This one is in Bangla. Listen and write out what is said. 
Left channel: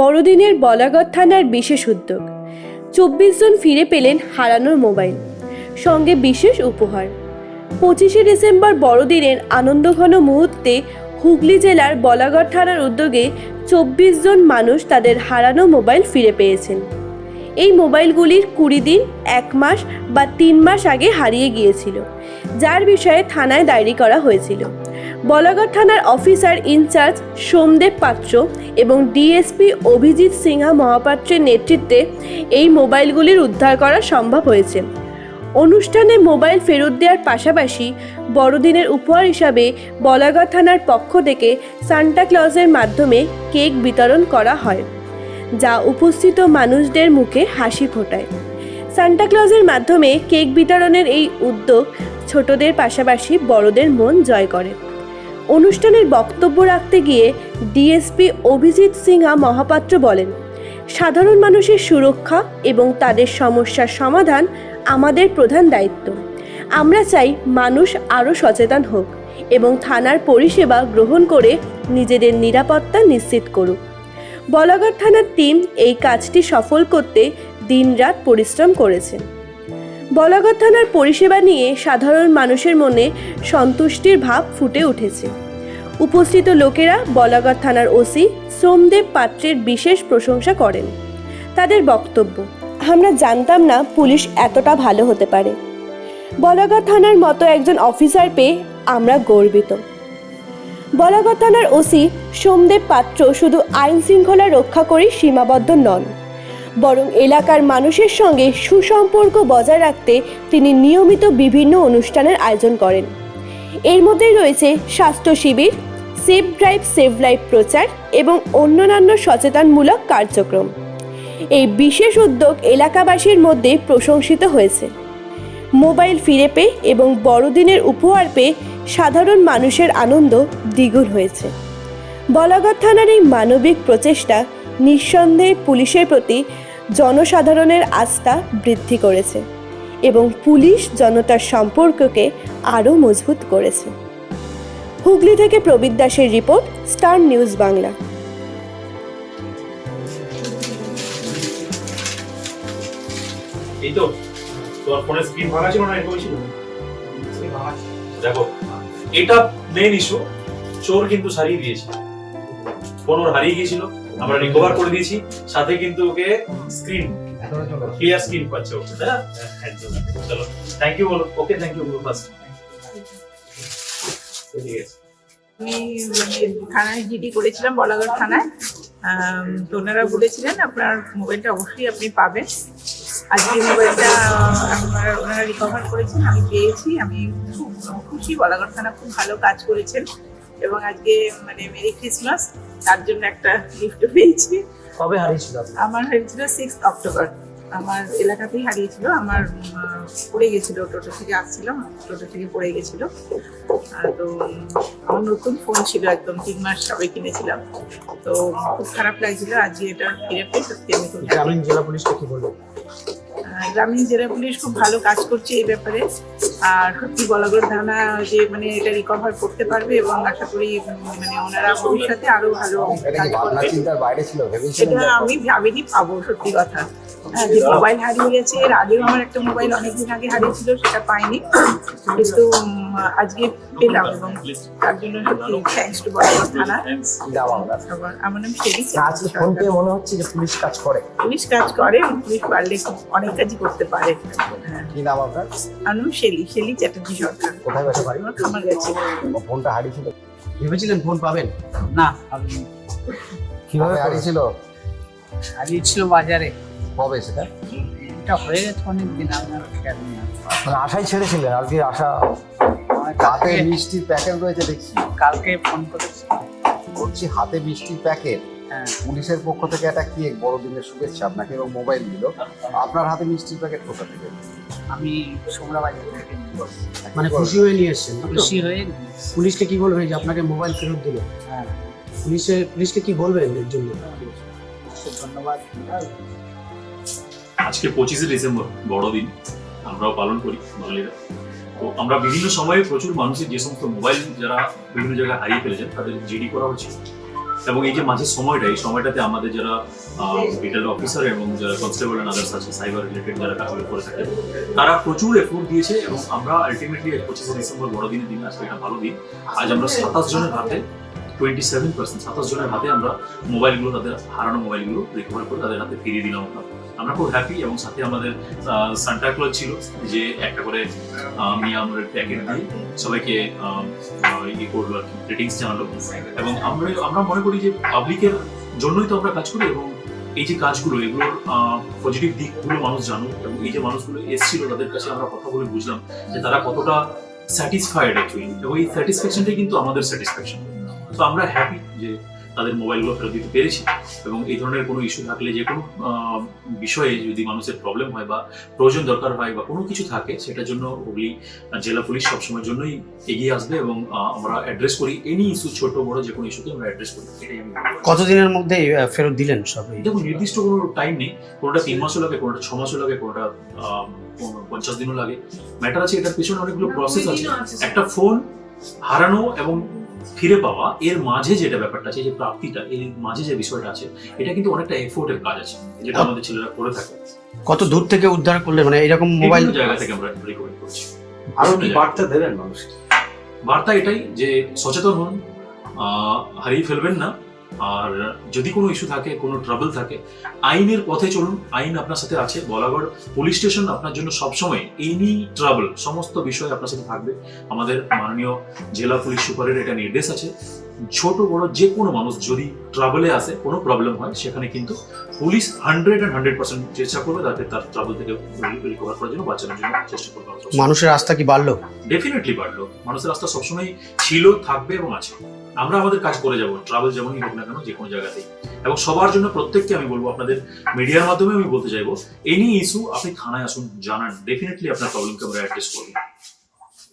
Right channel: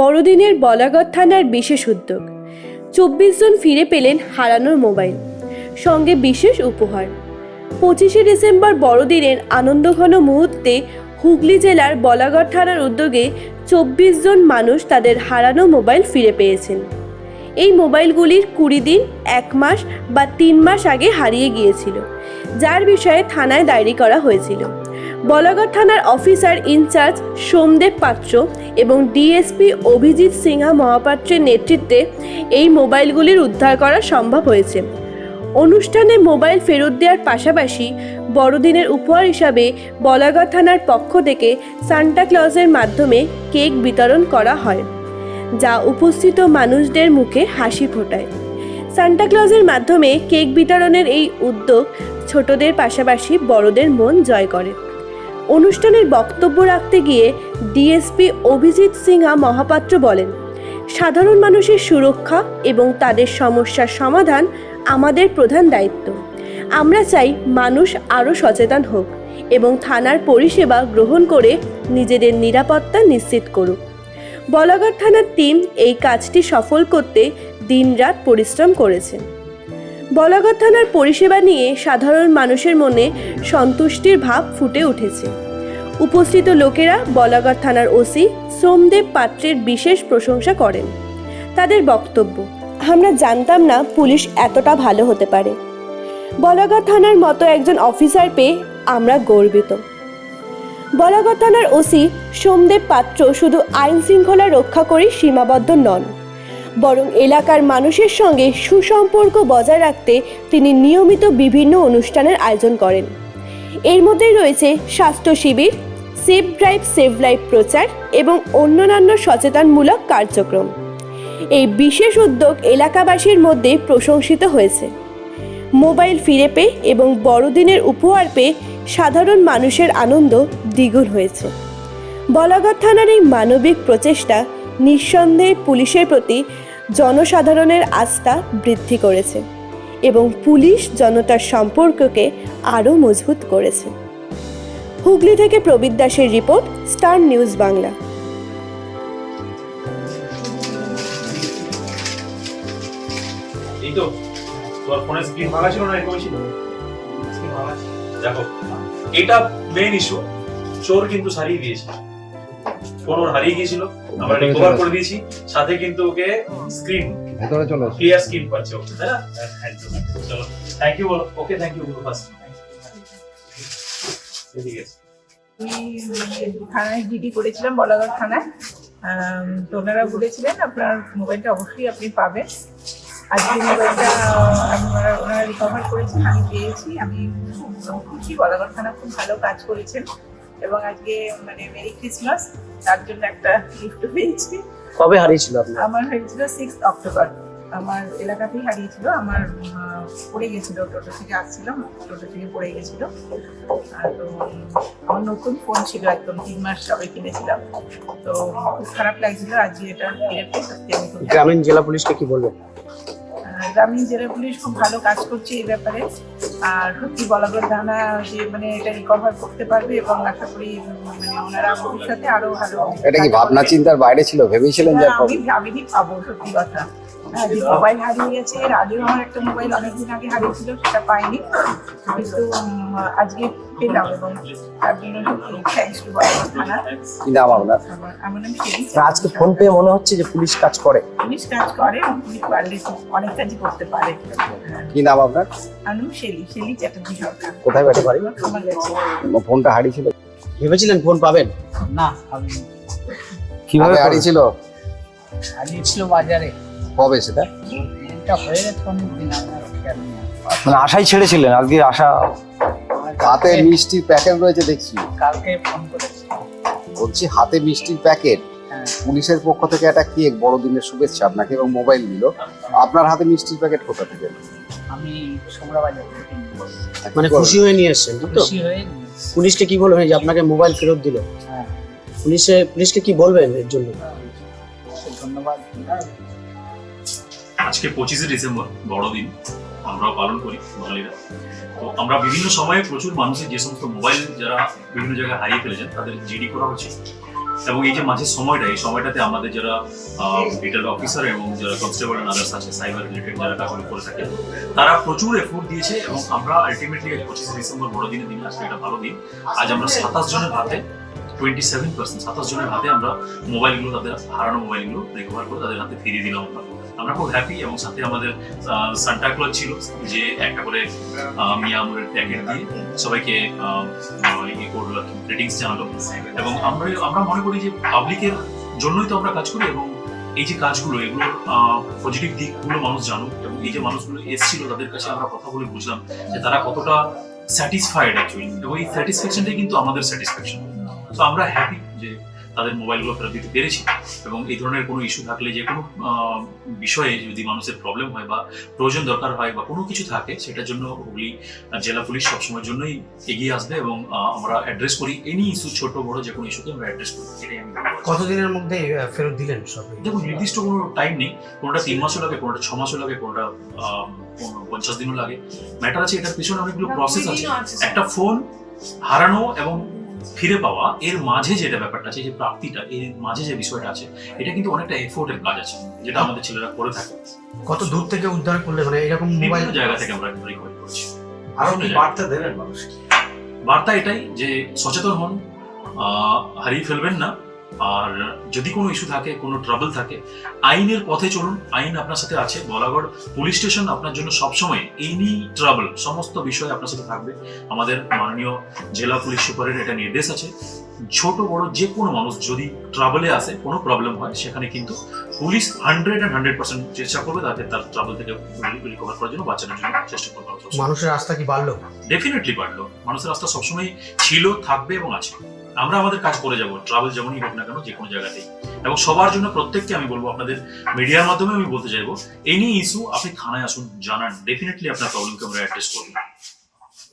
বড়দিনের বলাগড় থানার বিশেষ উদ্যোগ। চব্বিশ জন ফিরে পেলেন হারানোর মোবাইল, সঙ্গে বিশেষ উপহার। পঁচিশে ডিসেম্বর বড়দিনের আনন্দঘন মুহূর্তে হুগলি জেলার বলাগড় থানার উদ্যোগে চব্বিশ জন মানুষ তাদের হারানো মোবাইল ফিরে পেয়েছেন। এই মোবাইলগুলির কুড়ি দিন, এক মাস বা তিন মাস আগে হারিয়ে গিয়েছিল, যার বিষয়ে থানায় ডায়েরি করা হয়েছিল। বলাগড় থানার অফিসার ইনচার্জ সোমদেব পাত্র এবং ডিএসপি অভিজিৎ সিংহা মহাপাত্রের নেতৃত্বে এই মোবাইলগুলির উদ্ধার করা সম্ভব হয়েছে। অনুষ্ঠানে মোবাইল ফেরত দেওয়ার পাশাপাশি বড়দিনের উপহার হিসাবে বলাগড় থানার পক্ষ থেকে সান্টা ক্লজের মাধ্যমে কেক বিতরণ করা হয়, যা উপস্থিত মানুষদের মুখে হাসি ফোটায়। সান্টা ক্লজের মাধ্যমে কেক বিতরণের এই উদ্যোগ ছোটদের পাশাপাশি বড়দের মন জয় করে। অনুষ্ঠানের বক্তব্য রাখতে গিয়ে ডিএসপি অভিজিৎ সিংহা মহাপাত্র বলেন, সাধারণ মানুষের সুরক্ষা এবং তাদের সমস্যার সমাধান আমাদের প্রধান দায়িত্ব। আমরা চাই মানুষ আরও সচেতন হোক এবং থানার পরিষেবা গ্রহণ করে নিজেদের নিরাপত্তা নিশ্চিত করুক। বলাগড় থানার টিম এই কাজটি সফল করতে দিনরাত পরিশ্রম করেছে। বলাগড় থানার পরিষেবা নিয়ে সাধারণ মানুষের মনে সন্তুষ্টির ভাব ফুটে উঠেছে। উপস্থিত লোকেরা বলাগড় থানার ওসি সোমদেব পাত্রের বিশেষ প্রশংসা করেন। তাদের বক্তব্য, আমরা জানতাম না পুলিশ এতটা ভালো হতে পারে। বলাগড় থানার মতো একজন অফিসার পেয়ে আমরা গর্বিত। বলাগড় থানার ওসি সোমদেব পাত্র শুধু আইন শৃঙ্খলা রক্ষা করেই সীমাবদ্ধ নন। বরং এলাকার মানুষের সঙ্গে সুসম্পর্ক বজায় রাখতে তিনি নিয়মিত বিভিন্ন অনুষ্ঠানের আয়োজন করেন। এর মধ্যে রয়েছে স্বাস্থ্য শিবির, সেফ ড্রাইভ সেভ লাইফ প্রচার এবং অন্যান্য সচেতনমূলক কার্যক্রম। এই বিশেষ উদ্যোগ এলাকাবাসীর মধ্যে প্রশংসিত হয়েছে। মোবাইল ফিরে পেয়ে এবং বড়দিনের উপহার পেয়ে সাধারণ মানুষের আনন্দ দ্বিগুণ হয়েছে। বলাগড় থানার এই মানবিক প্রচেষ্টা নিঃসন্দেহে পুলিশের প্রতি জনসাধারণের আস্থা বৃদ্ধি করেছে এবং পুলিশ জনতার সম্পর্ককে আরও মজবুত করেছে। হুগলি থেকে প্রবীর দাসের রিপোর্ট, স্টার নিউজ বাংলা। এটা মেইন ইস্যু চোর কিন্তু সারিয়ে দিয়েছে ওর হারিয়ে গিয়েছিল। আমরা রিকভার করে দিয়েছি। সাথে কিন্তু ওকে স্ক্রিন ভেতরে চলে। ক্লিয়ার স্ক্রিন পাচ্ছে ওকে তাই না? একদম চলো থ্যাংক ইউ বলো। ওকে থ্যাংক ইউ বলো ফার্স্ট ঠিক আছে। আমি মানে থানায় জিডি করেছিলাম বলাগড় থানায়। তো ওনারা বলেছিলেন আপনার মোবাইলটা অবশ্যই আপনি পাবেন। আজকে মোবাইলটা আপনারা ওনারা রিকভার করেছেন আমি পেয়েছি। আমি খুব খুশি বলাগড় থানা খুব ভালো কাজ করেছেন। এবং আজকে মানে মেরি ক্রিসমাস তার জন্য একটা গিফট পেয়েছি। কবে হারিয়েছিল আমার হয়েছিল সিক্স অক্টোবর আমার এলাকাতেই হারিয়েছিল। আমার পড়ে গেছিল টোটো থেকে আসছিলাম টোটো থেকে পড়ে গেছিল। তো আমার নতুন ফোন ছিল একদম তিন মাস সবে কিনেছিলাম। তো খুব খারাপ লাগছিল আজকে এটা ফিরে পেয়ে সত্যি আমি খুব গ্রামীণ জেলা পুলিশকে কি আহ, গ্রামীণ জেলা পুলিশ খুব ভালো কাজ করছে এই ব্যাপারে। আর সত্যি বলাগড় থানা যে মানে এটা রিকভার করতে পারবে এবং আশা করি মানে ওনারা ভবিষ্যতে আরও ভালো এটা কি ভাবনা চিন্তার বাইরে ছিল? ভেবেছিলেন আমি ভাবিনি পাবো সত্যি কথা। হ্যাঁ যে মোবাইল হারিয়ে গেছে এর আগেও আমার একটা মোবাইল অনেকদিন আগে হারিয়েছিল সেটা পাইনি। কিন্তু আজকে পেলাম এবং তার জন্য সত্যি থ্যাংকস টু বরাবর থানা। কি নাম আপনার সবার আমার নাম শেরি আজকে ফোন পেয়ে মনে হচ্ছে যে পুলিশ কাজ করে। পুলিশ কাজ করে এবং পুলিশ পারলে অনেক কাজই করতে পারে। হ্যাঁ কি নাম আপনার? আমার নাম শেলি শেলি চ্যাটার্জি সরকার। কোথায় বাড়ি? বাড়ি? আমার গেছে। ফোনটা হারিয়েছিল। ভেবেছিলেন ফোন পাবেন? না কীভাবে হারিয়েছিল? হারিয়েছিল বাজারে। কবে সেটা? এটা হয়ে গেছে অনেক দিন আপনার মানে আশাই ছেড়েছিলেন আজকে আশা হাতে মিষ্টির প্যাকেট রয়েছে দেখছি। কালকে ফোন করেছি। বলছি হাতে মিষ্টির প্যাকেট? হ্যাঁ। পুলিশের পক্ষ থেকে একটা কেক বড়দিনের শুভেচ্ছা আপনাকে এবং মোবাইল দিল আপনার হাতে মিষ্টির প্যাকেট কোথা থেকে? আমি সোমরা বাজার থেকে মানে খুশি হয়ে নিয়ে এসছেন? খুশি হয়ে পুলিশকে কি বলবেন যে আপনাকে মোবাইল ফেরত দিল? হ্যাঁ। পুলিশে পুলিশকে কি বলবেন এর জন্য? ধন্যবাদ। আজকে পঁচিশে ডিসেম্বর বড়দিন। আমরাও পালন করি বাঙালিরা। তো আমরা বিভিন্ন সময়ে প্রচুর মানুষের যে সমস্ত মোবাইল যারা বিভিন্ন জায়গায় হারিয়ে ফেলেছেন, তাদের জিডি করা হচ্ছে। এবং এই যে মাঝের সময়টা, এই সময়টাতে আমাদের যারা ডিটেল অফিসার এবং যারা কনস্টেবল এন্ড আদার্স আছে সাইবার রিলেটেড যারা কাজগুলো করে থাকে তারা প্রচুর এফোর্ট দিয়েছে এবং আমরা আলটিমেটলি পঁচিশে ডিসেম্বর বড়দিনের দিন, আজকে এটা ভালো দিন। আজ আমরা সাতাশ জনের হাতে টোয়েন্টি সেভেন পার্সেন্ট সাতাশ জনের হাতে আমরা মোবাইলগুলো, তাদের হারানো মোবাইলগুলো রিকভার করে তাদের হাতে ফিরিয়ে দিলাম আমরা। আমরা খুব হ্যাপি এবং সাথে আমাদের সান্টাক্লজ ছিল, যে একটা করে মিয়া আমরের প্যাকেট দিয়ে সবাইকে ইয়ে করল আর কি গ্রিটিংস জানালো। এবং আমরা আমরা মনে করি যে পাবলিকের জন্যই তো আমরা কাজ করি এবং এই যে কাজগুলো এগুলোর পজিটিভ দিকগুলো মানুষ জানুক এবং এই যে মানুষগুলো এসেছিল তাদের কাছে আমরা কথা বলে বুঝলাম যে তারা কতটা স্যাটিসফাইড অ্যাকচুয়ালি এবং এই স্যাটিসফ্যাকশনটাই কিন্তু আমাদের স্যাটিসফ্যাকশন তো আমরা হ্যাপি যে তাদের মোবাইলগুলো ফেরত দিতে পেরেছি। এবং এই ধরনের কোনো ইস্যু থাকলে যে কোনো আহ, বিষয়ে যদি মানুষের প্রবলেম হয় বা প্রয়োজন দরকার হয় বা কোনো কিছু থাকে সেটার জন্য হুগলি জেলা পুলিশ সবসময়ের জন্যই এগিয়ে আসবে এবং আমরা অ্যাড্রেস করি এনি ইস্যু ছোট বড় যে কোনো ইস্যুকে আমরা অ্যাড্রেস করি। এটাই আমি কতদিনের মধ্যে ফেরত দিলেন সব দেখুন নির্দিষ্ট কোনো টাইম নেই। কোনোটা তিন মাসও লাগে কোনোটা ছ মাসও লাগে কোনোটা আহ, পঞ্চাশ দিনও লাগে। ম্যাটার আছে এটার পিছনে অনেকগুলো প্রসেস আছে। একটা ফোন হারানো এবং ফিরে পাওয়া এর মাঝে যেটা ব্যাপারটা আছে যে প্রাপ্তিটা এর মাঝে যে বিষয়টা আছে এটা কিন্তু অনেকটা এফোর্টের কাজ আছে যেটা আমাদের ছেলেরা করে থাকে। কত দূর থেকে উদ্ধার করলে মানে এরকম মোবাইল জায়গা থেকে আমরা রিকভারি করছি। আরও বার্তা দেবেন মানুষকে? বার্তা এটাই যে সচেতন হন আহ, হারিয়ে ফেলবেন না আর যদি কোনো ইস্যু থাকে কোনো ট্রাবল থাকে আইনের পথে চলুন। আইন আপনার সাথে আছে। বলাগড় পুলিশ স্টেশন আপনার জন্য সবসময় এনি ট্রাবল সমস্ত বিষয় আপনার সাথে থাকবে। আমাদের মাননীয় জেলা পুলিশ সুপারের এটা নির্দেশ আছে। ছোট বড় যে কোনো মানুষ যদি ট্রাভেলে আসে কোনো প্রবলেম হয় সেখানে কিন্তু police hundred and hundred percent চেষ্টা করবে তাকে তার ট্রাভেল থেকে রিকভার করার জন্য বাঁচানোর জন্য চেষ্টা করবে মানুষের আস্থা কি বাড়লো? ডেফিনেটলি বাড়লো। মানুষের রাস্তা সবসময় ছিল থাকবে এবং আছে। আমরা আমাদের কাজ করে যাব। ট্রাভেল যেমনই হোক না কেন যে কোনো জায়গাতেই। এবং সবার জন্য প্রত্যেককে আমি বলব, আপনাদের মিডিয়ার মাধ্যমে আমি বলতে চাইব এনি ইস্যু আপনি থানায় আসুন, জানান ডেফিনেটলি আপনার প্রবলেমকে আমরা অ্যাড্রেস করব।